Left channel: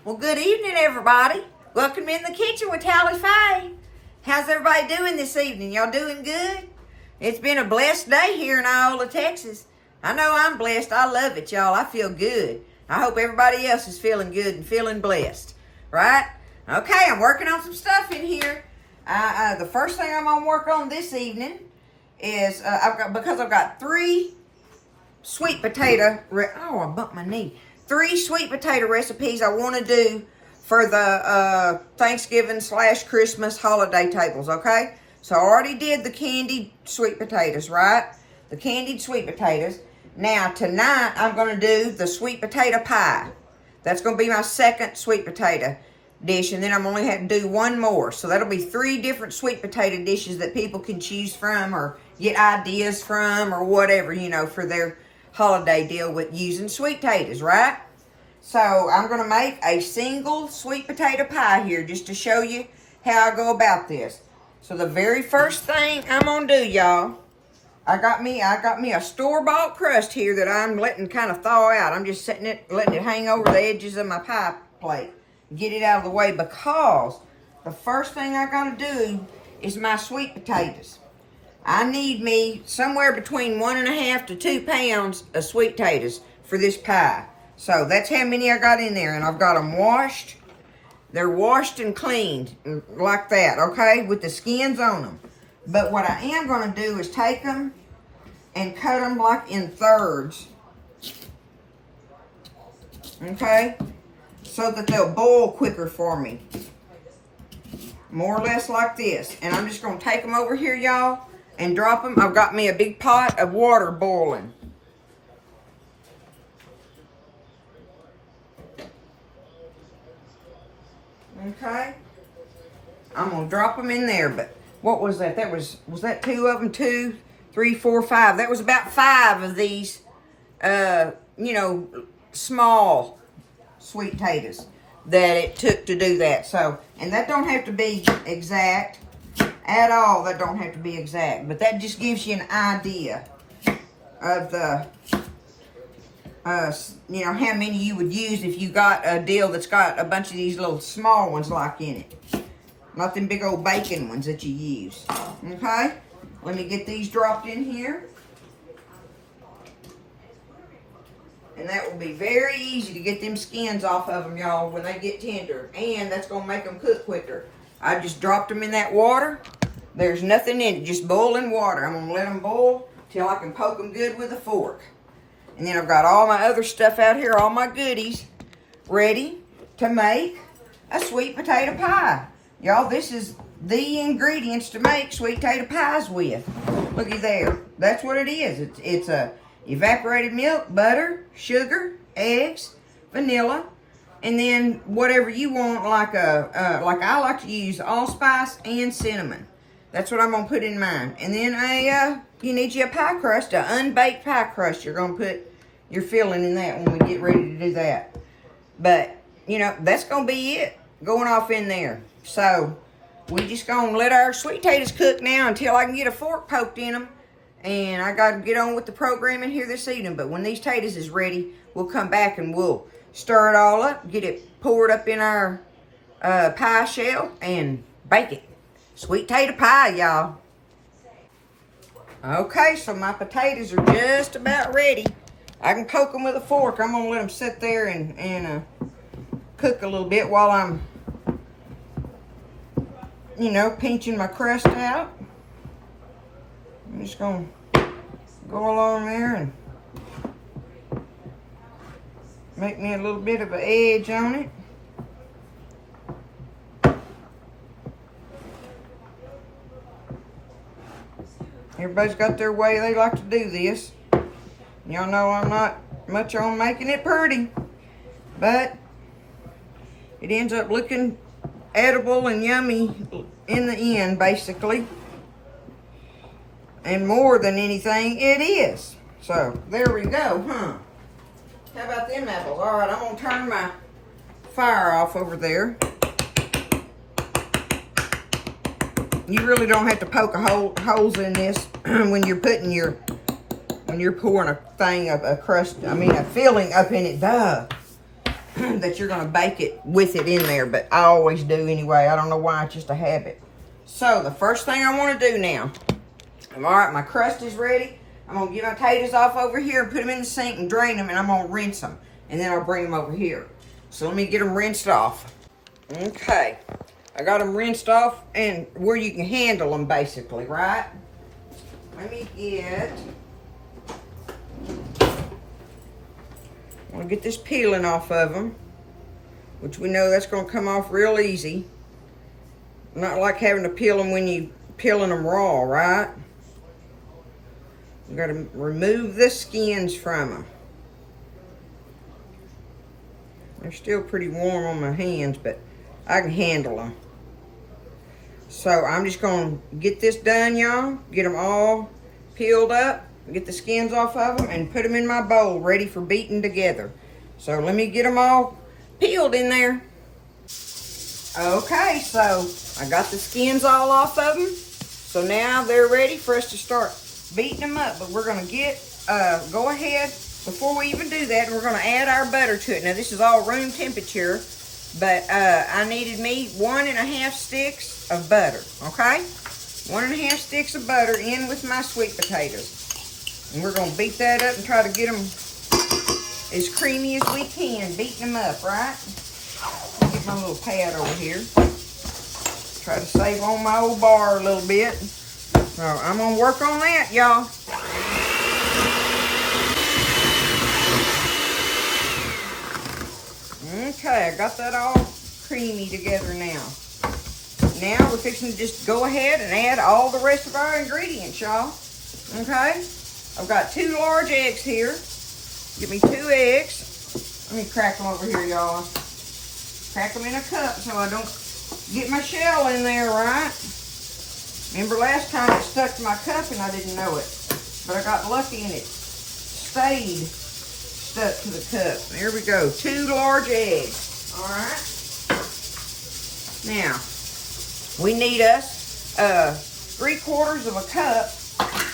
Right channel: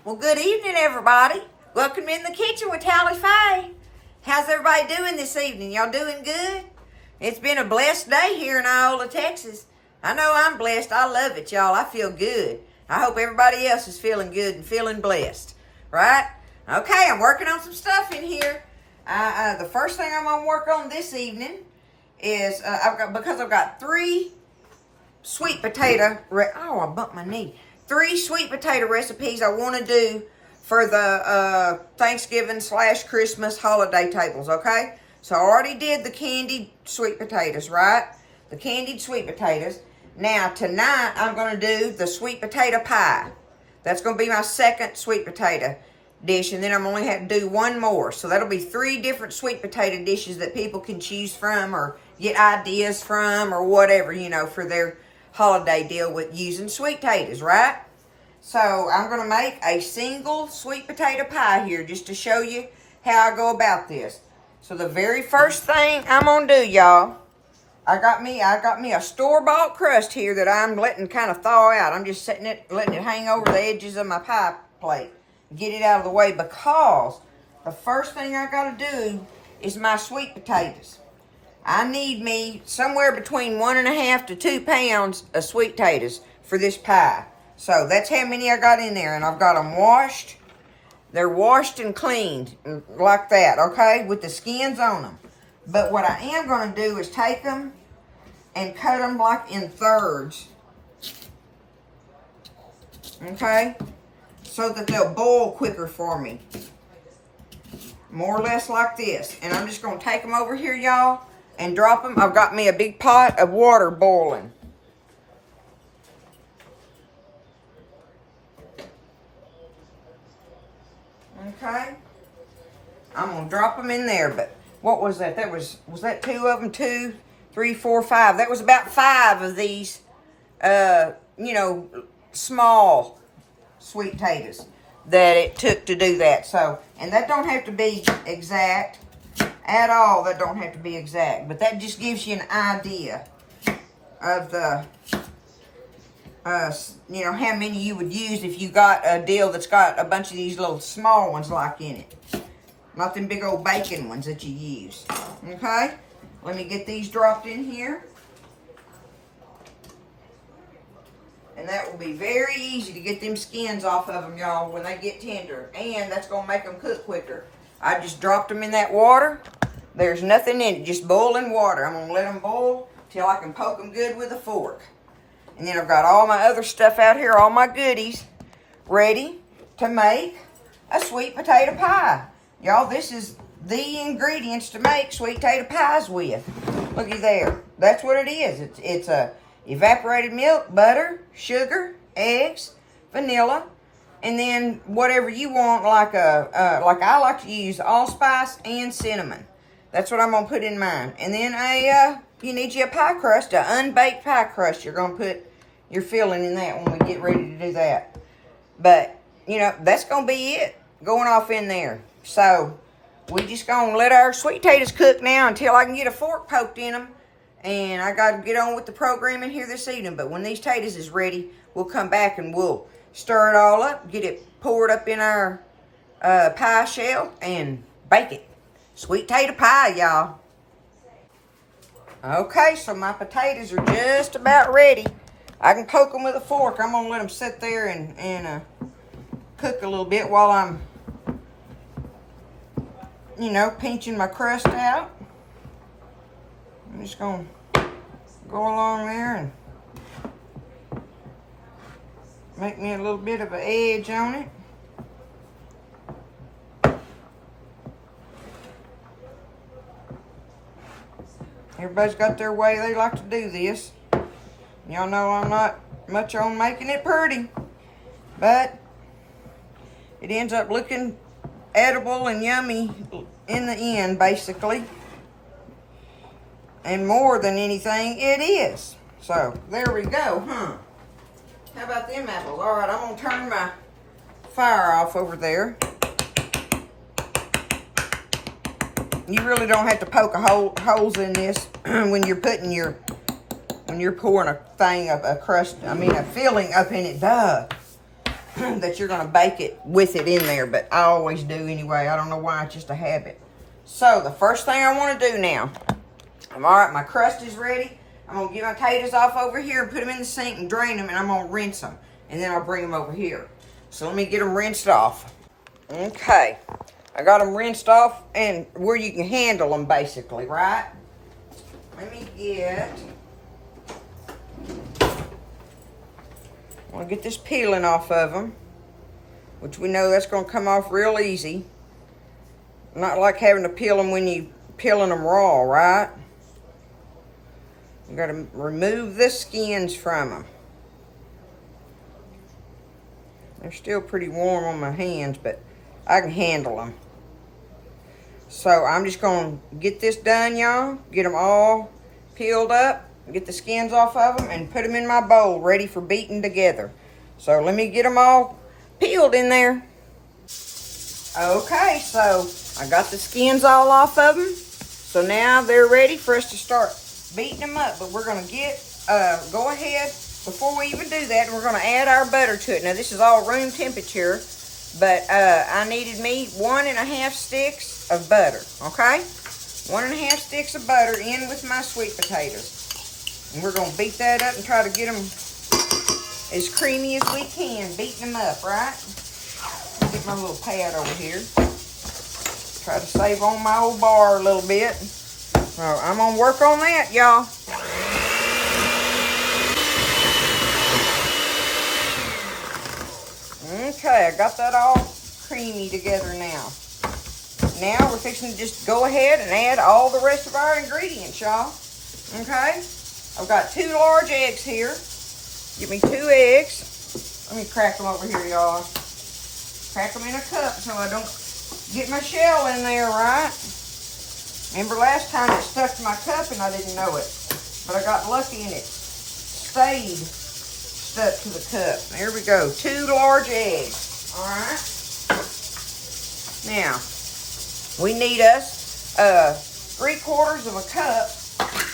Well, good evening, everybody. Welcome in the kitchen with Callie Faye. How's everybody doing this evening? Y'all doing good? It's been a blessed day here in Iola, Texas. I know I'm blessed. I love it, y'all. I feel good. I hope everybody else is feeling good and feeling blessed, right? Okay, I'm working on some stuff in here. The first thing I'm gonna work on this evening is I've got 3 sweet potato. I bumped my knee. 3 sweet potato recipes I want to do for the Thanksgiving/Christmas holiday tables, okay? So I already did the candied sweet potatoes, right? The candied sweet potatoes. Now, tonight, I'm going to do the sweet potato pie. That's going to be my second sweet potato dish, and then I'm only have to do 1 more. So that'll be 3 different sweet potato dishes that people can choose from or get ideas from or whatever, for their holiday deal with using sweet potatoes, right? So I'm going to make a single sweet potato pie here just to show you how I go about this. So the very first thing I'm going to do, y'all, I got me a store-bought crust here that I'm letting kind of thaw out. I'm just letting it hang over the edges of my pie plate. Get it out of the way because the first thing I got to do is my sweet potatoes. I need me somewhere between 1.5 to 2 pounds of sweet potatoes for this pie. So that's how many I got in there. And I've got them washed. They're washed and cleaned like that, okay, with the skins on them. But what I am going to do is take them and cut them like in thirds, okay, so that they'll boil quicker for me. More or less like this. And I'm just going to take them over here, y'all, and drop them. I've got me a big pot of water boiling. Okay. I'm going to drop them in there, but what was that? Was that 2 of them? 2, 3, 4, 5. That was about 5 of these, small sweet potatoes that it took to do that. So, and that don't have to be exact at all. That don't have to be exact, but that just gives you an idea of the, how many you would use if you got a deal that's got a bunch of these little small ones like in it. Not them big old bacon ones that you use. Okay? Let me get these dropped in here. And that will be very easy to get them skins off of them, y'all, when they get tender. And that's going to make them cook quicker. I just dropped them in that water. There's nothing in it, just boiling water. I'm going to let them boil till I can poke them good with a fork. And then I've got all my other stuff out here, all my goodies, ready to make a sweet potato pie. Y'all, this is the ingredients to make sweet potato pies with. Looky there. That's what it is. It's a evaporated milk, butter, sugar, eggs, vanilla, and then whatever you want, like I like to use allspice and cinnamon. That's what I'm gonna put in mine. And then you need a pie crust, an unbaked pie crust. You're gonna put your filling in that when we get ready to do that. But that's gonna be it going off in there. So we just gonna let our sweet potatoes cook now until I can get a fork poked in them. And I got to get on with the programming here this evening. But when these potatoes is ready, we'll come back and we'll stir it all up, get it poured up in our pie shell, and bake it. Sweet potato pie, y'all. Okay, so my potatoes are just about ready. I can poke them with a fork. I'm going to let them sit there and cook a little bit while I'm, pinching my crust out. I'm just going to go along there and make me a little bit of an edge on it. Everybody's got their way they like to do this. Y'all know I'm not much on making it pretty, but it ends up looking edible and yummy in the end, basically. And more than anything, it is. So, there we go, huh? How about them apples? All right, I'm going to turn my fire off over there. You really don't have to poke holes in this when you're pouring a filling up in it. Duh. that you're gonna bake it with it in there, but I always do anyway. I don't know why, it's just a habit. So the first thing I wanna do now, all right, my crust is ready. I'm gonna get my potatoes off over here and put them in the sink and drain them, and I'm gonna rinse them. And then I'll bring them over here. So let me get them rinsed off. Okay, I got them rinsed off and where you can handle them basically, right? Let me get, I'll get this peeling off of them, which we know that's gonna come off real easy. Not like having to peel them when you peeling them raw, right? You gotta remove the skins from them. They're still pretty warm on my hands, but I can handle them. So I'm just gonna get this done, y'all. Get them all peeled up, get the skins off of them, and put them in my bowl ready for beating together. So let me get them all peeled in there. Okay, so I got the skins all off of them. So now they're ready for us to start beating them up. But we're gonna go ahead, before we even do that, we're gonna add our butter to it. Now this is all room temperature, but I needed me 1.5 sticks of butter, okay? 1.5 sticks of butter in with my sweet potatoes. And we're gonna beat that up and try to get them as creamy as we can, beating them up, right? Get my little pad over here. Try to save on my old bar a little bit. So I'm gonna work on that, y'all. Okay, I got that all creamy together now. Now we're fixing to just go ahead and add all the rest of our ingredients, y'all. Okay? I've got 2 large eggs here. Give me 2 eggs. Let me crack them over here, y'all. Crack them in a cup so I don't get my shell in there, right? Remember last time it stuck to my cup and I didn't know it. But I got lucky and it stayed stuck to the cup. Here we go. 2 large eggs. All right. Now, we need us 3/4 of a cup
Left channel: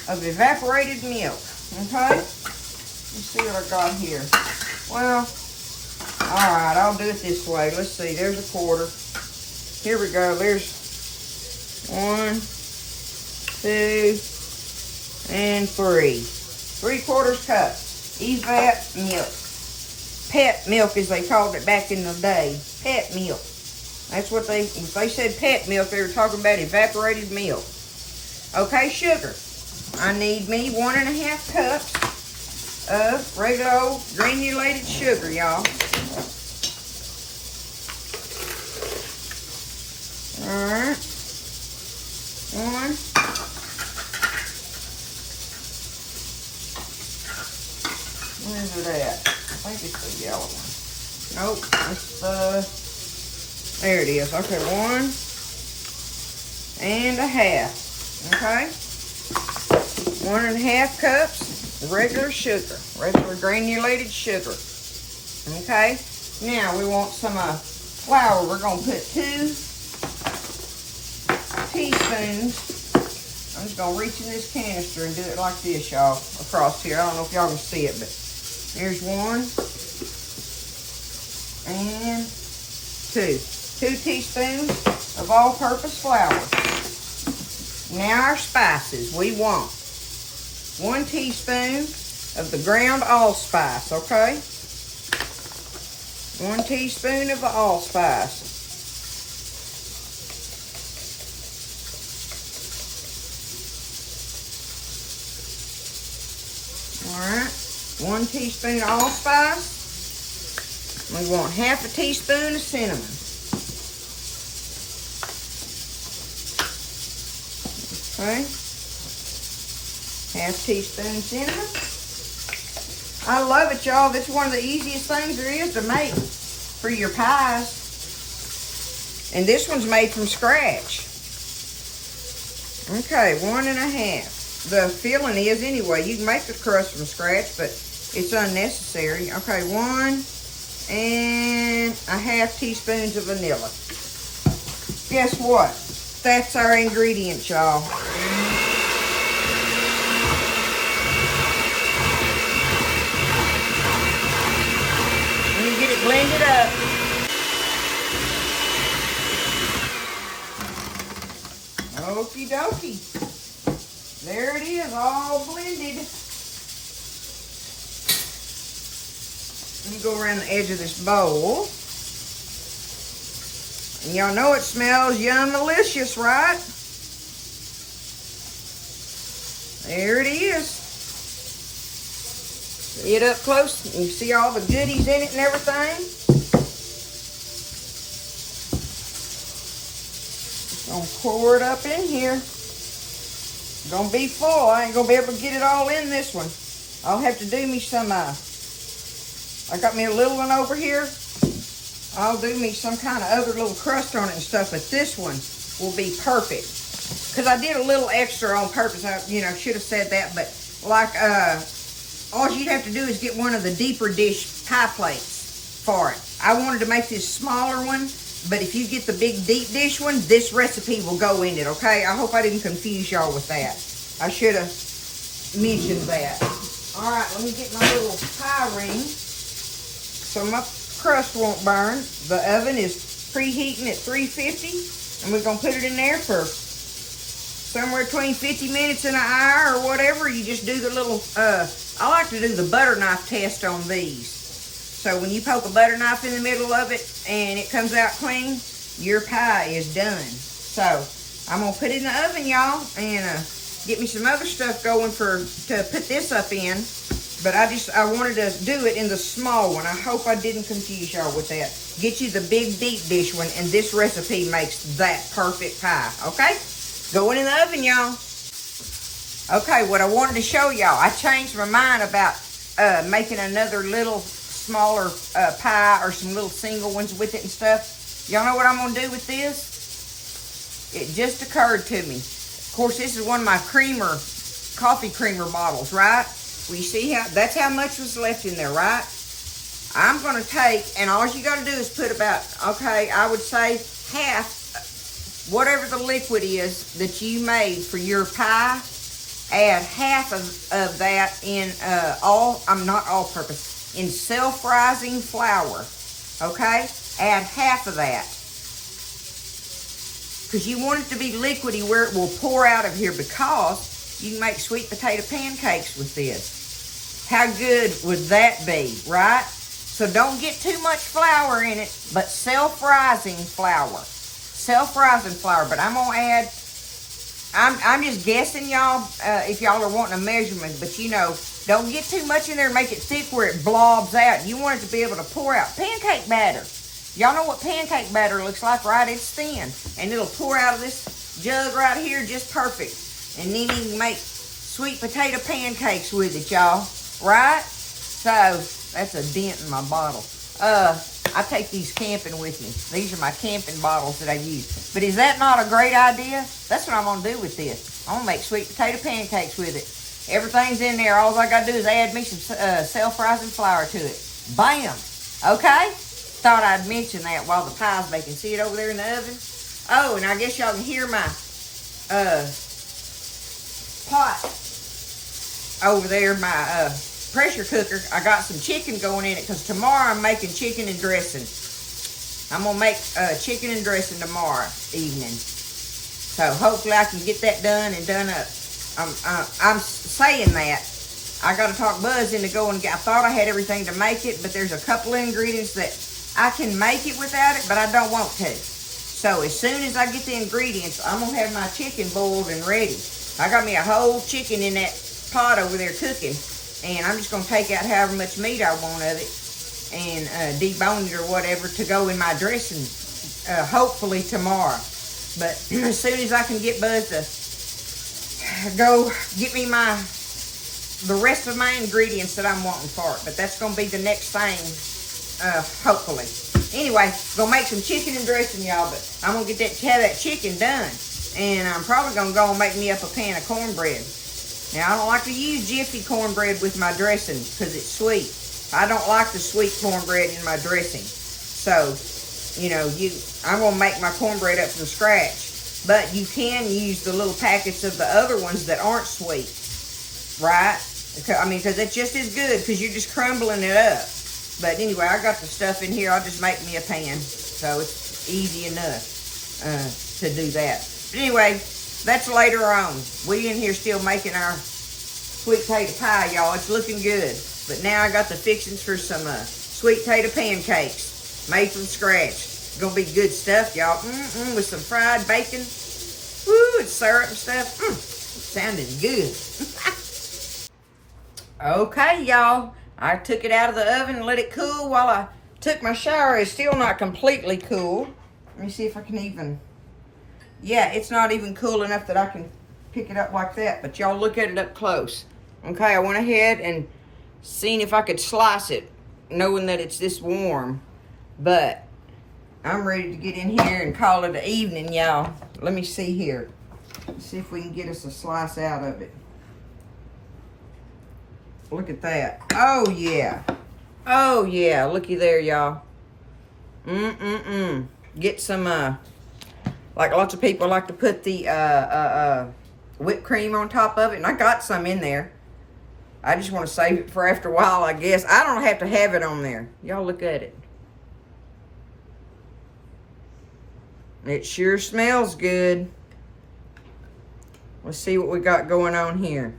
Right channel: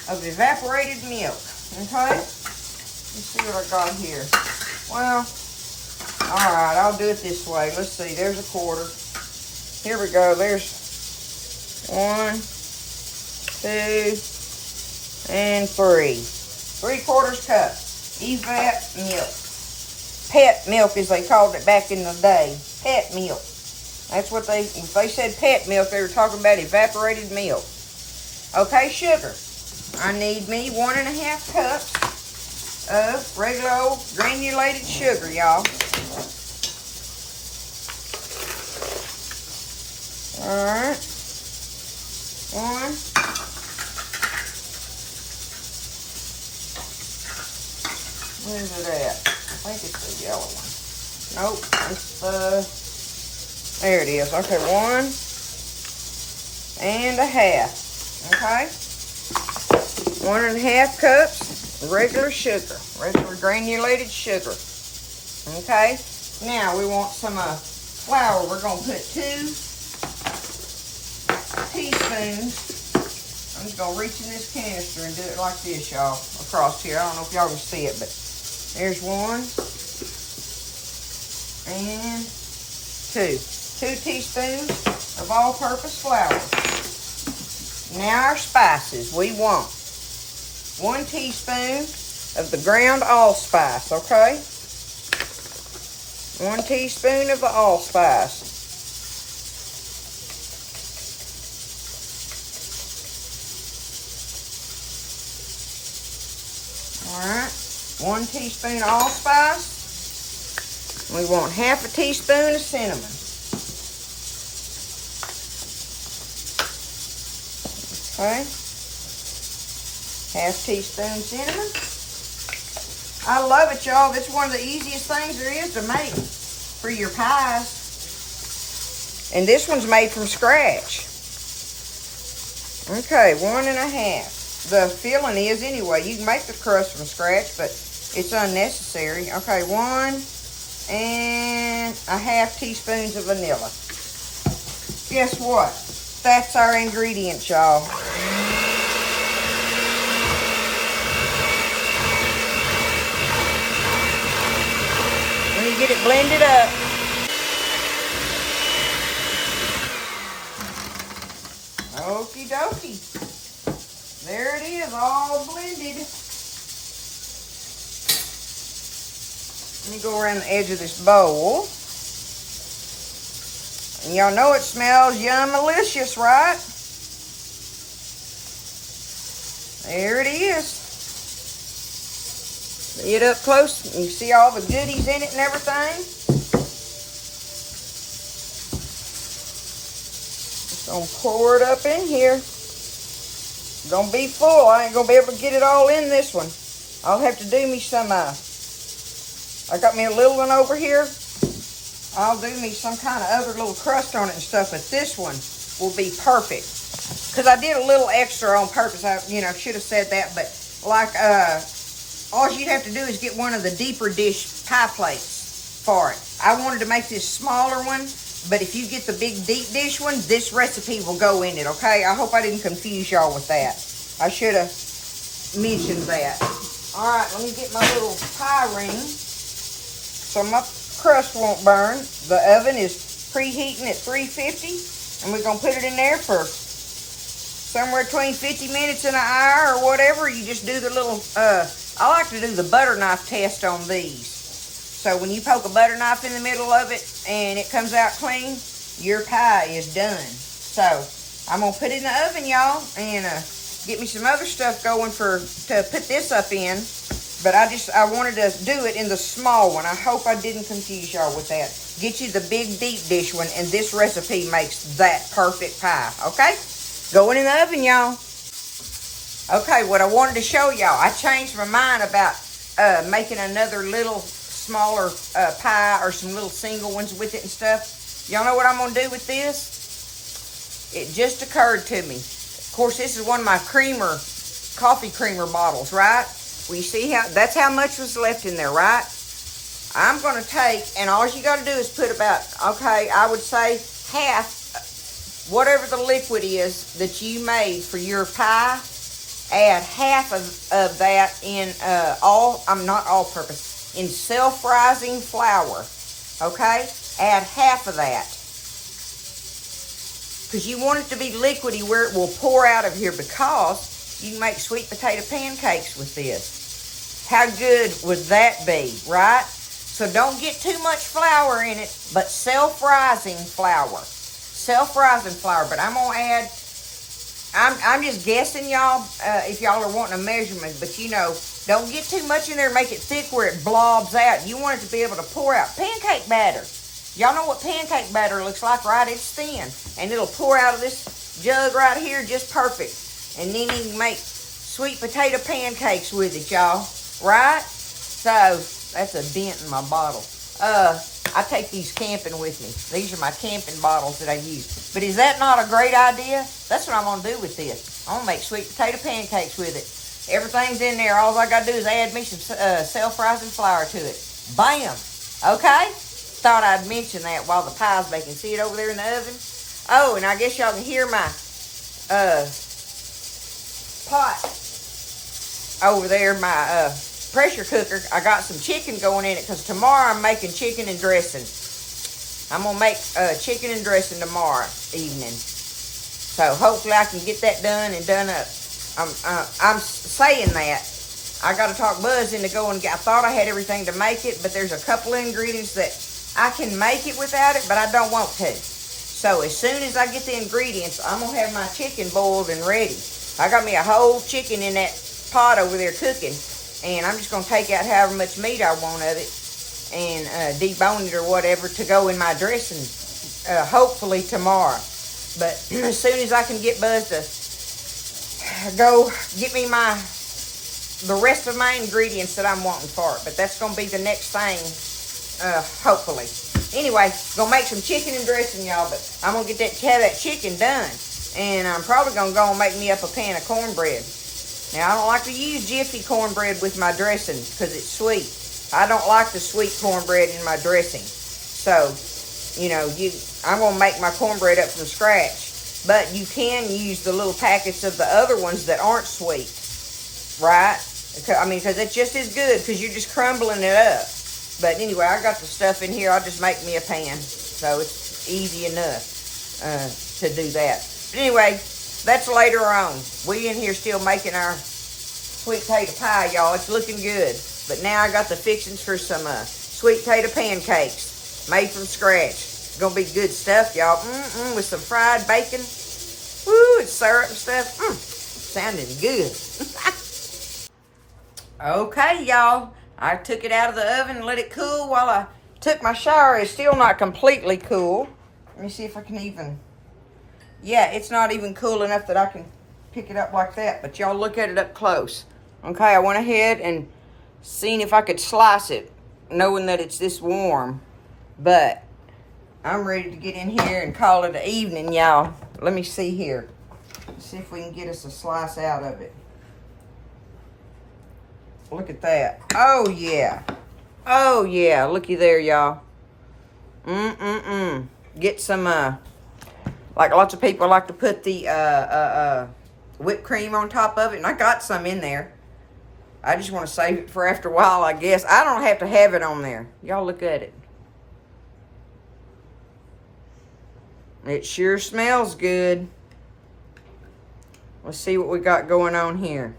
of evaporated milk. Okay? Let's see what I got here. Well, all right, I'll do it this way. Let's see. There's 1/4. Here we go. There's 1, 2, and 3. 3/4 cup evap milk. Pet milk, as they called it back in the day. Pet milk. That's what if they said pet milk, they were talking about evaporated milk. Okay, sugar. I need me 1.5 cups of regular old granulated sugar, y'all. All right. 1. Where is it at? I think it's the yellow one. Nope, it's there it is. Okay, 1.5. Okay? 1.5 cups regular sugar, regular granulated sugar. Okay? Now we want some flour. We're going to put 2 teaspoons. I'm just going to reach in this canister and do it like this, y'all, across here. I don't know if y'all can see it, but there's 1 and 2. 2 teaspoons of all-purpose flour. Now our spices. We want 1 teaspoon of the ground allspice, okay? 1 teaspoon of the allspice. Alright, 1 teaspoon of allspice. We want 1/2 teaspoon of cinnamon. Okay, 1/2 teaspoon cinnamon. I love it, y'all. That's one of the easiest things there is to make for your pies. And this one's made from scratch. Okay, 1.5. The filling is anyway. You can make the crust from scratch, but it's unnecessary. Okay, 1.5 teaspoons of vanilla. Guess what? That's our ingredients, y'all. Let me get it blended up. Okie dokie. There it is, all blended. Let me go around the edge of this bowl. And y'all know it smells yum-malicious, right? There it is. See it up close, and you see all the goodies in it and everything. Just gonna pour it up in here. It's gonna be full. I ain't gonna be able to get it all in this one. I'll have to do me some, I got me a little one over here. I'll do me some kind of other little crust on it and stuff, but this one will be perfect. Because I did a little extra on purpose. I, should have said that, but like, all you have to do is get one of the deeper dish pie plates for it. I wanted to make this smaller one, but if you get the big deep dish one, this recipe will go in it, okay? I hope I didn't confuse y'all with that. I should have mentioned that. All right, let me get my little pie ring so my crust won't burn. The oven is preheating at 350, and we're going to put it in there for somewhere between 50 minutes and an hour or whatever. You just do the little, I like to do the butter knife test on these. So when you poke a butter knife in the middle of it and it comes out clean, your pie is done. So I'm going to put it in the oven, y'all, and get me some other stuff going to put this up in. But I wanted to do it in the small one. I hope I didn't confuse y'all with that. Get you the big deep dish one, and this recipe makes that perfect pie, okay? Going in the oven, y'all. Okay, what I wanted to show y'all, I changed my mind about making another little smaller pie or some little single ones with it and stuff. Y'all know what I'm going to do with this? It just occurred to me. Of course, this is one of my coffee creamer bottles, right? Well, you see that's how much was left in there, right? I'm going to take, and all you got to do is put about, okay, I would say half, whatever the liquid is that you made for your pie, add half of that in not all-purpose, in self-rising flour, okay? Add half of that. Because you want it to be liquidy where it will pour out of here, because you can make sweet potato pancakes with this. How good would that be, right? So don't get too much flour in it, but self-rising flour. Self-rising flour, but I'm going to add, I'm just guessing, y'all, if y'all are wanting a measurement, but don't get too much in there and make it thick where it blobs out. You want it to be able to pour out. Pancake batter. Y'all know what pancake batter looks like, right? It's thin, and it'll pour out of this jug right here just perfect. And then you can make sweet potato pancakes with it, y'all, right? So, that's a dent in my bottle. I take these camping with me. These are my camping bottles that I use. But is that not a great idea? That's what I'm going to do with this. I'm going to make sweet potato pancakes with it. Everything's in there. All I got to do is add me some self-rising flour to it. Bam! Okay? Thought I'd mention that while the pie's baking. See it over there in the oven? Oh, and I guess y'all can hear my pot over there, my pressure cooker. I got some chicken going in it because tomorrow I'm making chicken and dressing. I'm going to make chicken and dressing tomorrow evening. So hopefully I can get that done and done up. I'm saying that. I got to talk Buzz into going. I thought I had everything to make it, but there's a couple of ingredients that I can make it without it, but I don't want to. So as soon as I get the ingredients, I'm going to have my chicken boiled and ready. I got me a whole chicken in that pot over there cooking, and I'm just going to take out however much meat I want of it and debone it or whatever to go in my dressing, hopefully tomorrow. But as soon as I can get Buzz to go get me the rest of my ingredients that I'm wanting for it. But that's going to be the next thing, hopefully. Anyway, going to make some chicken and dressing, y'all, but I'm going to have that chicken done. And I'm probably going to go and make me up a pan of cornbread. Now, I don't like to use jiffy cornbread with my dressing because it's sweet. I don't like the sweet cornbread in my dressing. So, I'm going to make my cornbread up from scratch. But you can use the little packets of the other ones that aren't sweet, right? Because it's just as good because you're just crumbling it up. But anyway, I got the stuff in here. I'll just make me a pan. So it's easy enough to do that. But anyway, that's later on. We in here still making our sweet potato pie, y'all. It's looking good. But now I got the fixings for some sweet potato pancakes made from scratch. It's gonna be good stuff, y'all. With some fried bacon. Woo, and syrup and stuff. Sounding good. Okay, y'all. I took it out of the oven and let it cool while I took my shower. It's still not completely cool. Let me see if I can even... Yeah, it's not even cool enough that I can pick it up like that. But y'all look at it up close. Okay, I went ahead and seen if I could slice it, knowing that it's this warm. But I'm ready to get in here and call it an evening, y'all. Let me see here. Let's see if we can get us a slice out of it. Look at that. Oh, yeah. Oh, yeah. Looky there, y'all. Get some, like lots of people like to put the whipped cream on top of it. And I got some in there. I just want to save it for after a while, I guess. I don't have to have it on there. Y'all look at it. It sure smells good. Let's see what we got going on here.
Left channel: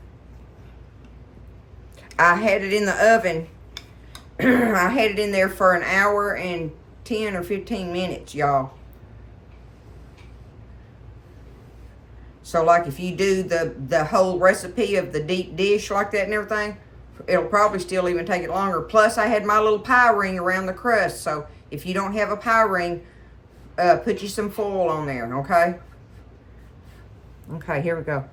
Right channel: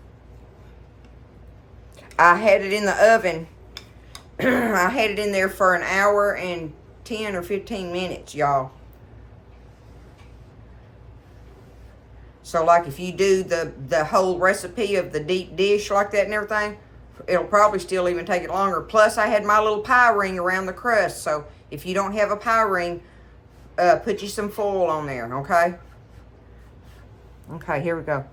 I had it in the oven. I had it in there for an hour and 10 or 15 minutes, y'all. So, like, if you do the whole recipe of the deep dish like that and everything, it'll probably still even take it longer. Plus, I had my little pie ring around the crust. So, if you don't have a pie ring, put you some foil on there, okay? Okay, here we go.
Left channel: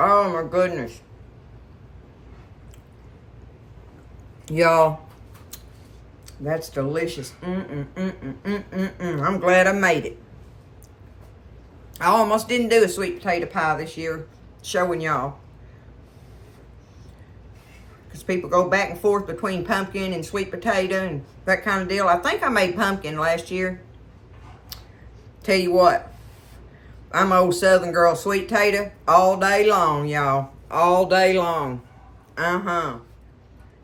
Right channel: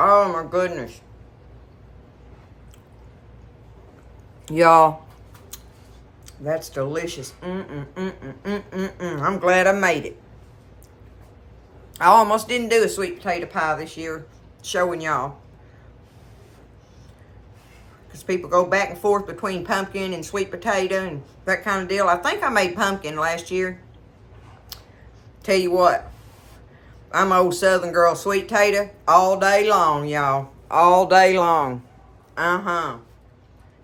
Oh my goodness. Y'all, that's delicious. I'm glad I made it. I almost didn't do a sweet potato pie this year, showing y'all. Because people go back and forth between pumpkin and sweet potato and that kind of deal. I think I made pumpkin last year. Tell you what, I'm an old Southern girl, sweet potato all day long, y'all. All day long. And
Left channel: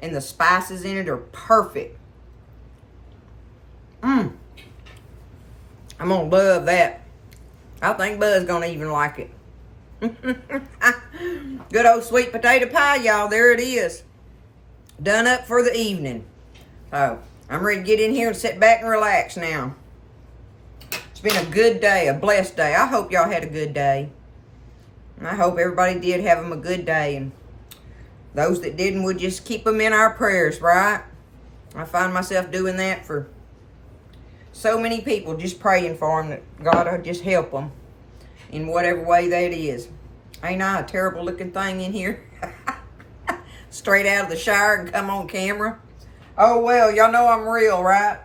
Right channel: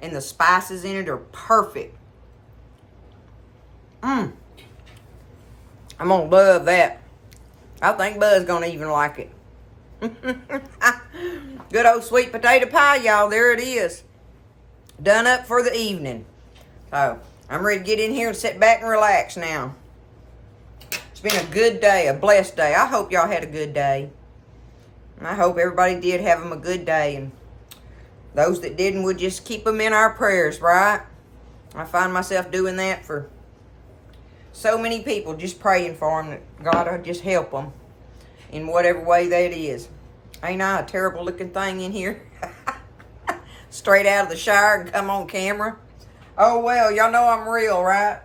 the spices in it are perfect. I'm gonna love that. I think Bud's gonna even like it. Good old sweet potato pie, y'all. There it is. Done up for the evening. So, I'm ready to get in here and sit back and relax now. It's been a good day, a blessed day. I hope y'all had a good day. And I hope everybody did have them a good day. And those that didn't, we'll just keep them in our prayers, right? I find myself doing that for so many people, just praying for them that God will just help them in whatever way that is. Ain't I a terrible looking thing in here? Straight out of the shower and come on camera. Oh, well, y'all know I'm real, right?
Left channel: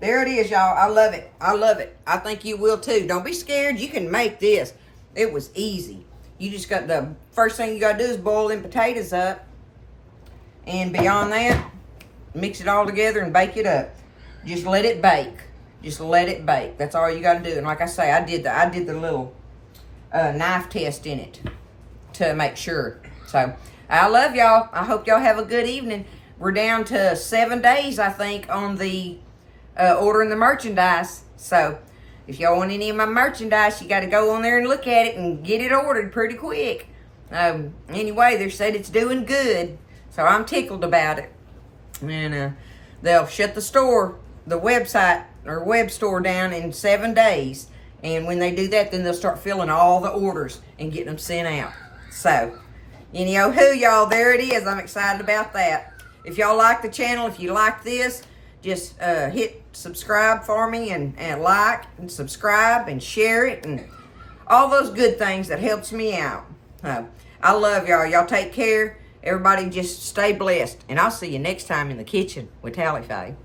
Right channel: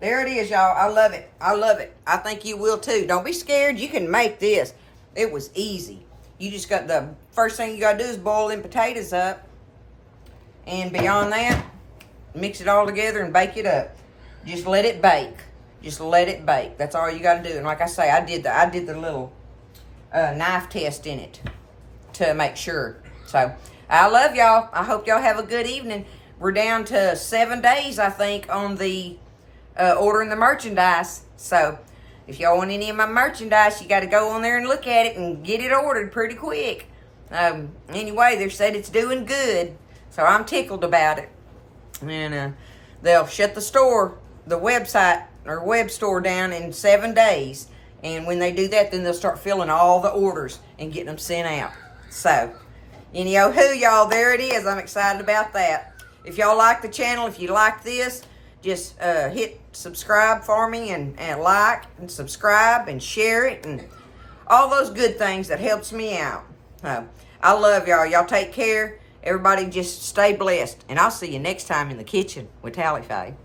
There it is, y'all. I love it. I love it. I think you will, too. Don't be scared. You can make this. It was easy. You just got the first thing you got to do is boil them potatoes up. And beyond that, mix it all together and bake it up. Just let it bake. Just let it bake. That's all you got to do. And like I say, I did the little knife test in it to make sure. So, I love y'all. I hope y'all have a good evening. We're down to 7 days, I think, on the ordering the merchandise. So, if y'all want any of my merchandise, you got to go on there and look at it and get it ordered pretty quick. Anyway, they said it's doing good. So, I'm tickled about it. And they'll shut the store, the website or web store down in 7 days. And when they do that, then they'll start filling all the orders and getting them sent out. So, anyhow, y'all, there it is. I'm excited about that. If y'all like the channel, if you like this, just hit subscribe for me and like and subscribe and share it and all those good things that helps me out. I love y'all. Y'all take care. Everybody just stay blessed. And I'll see you next time in the kitchen with Tally Faye.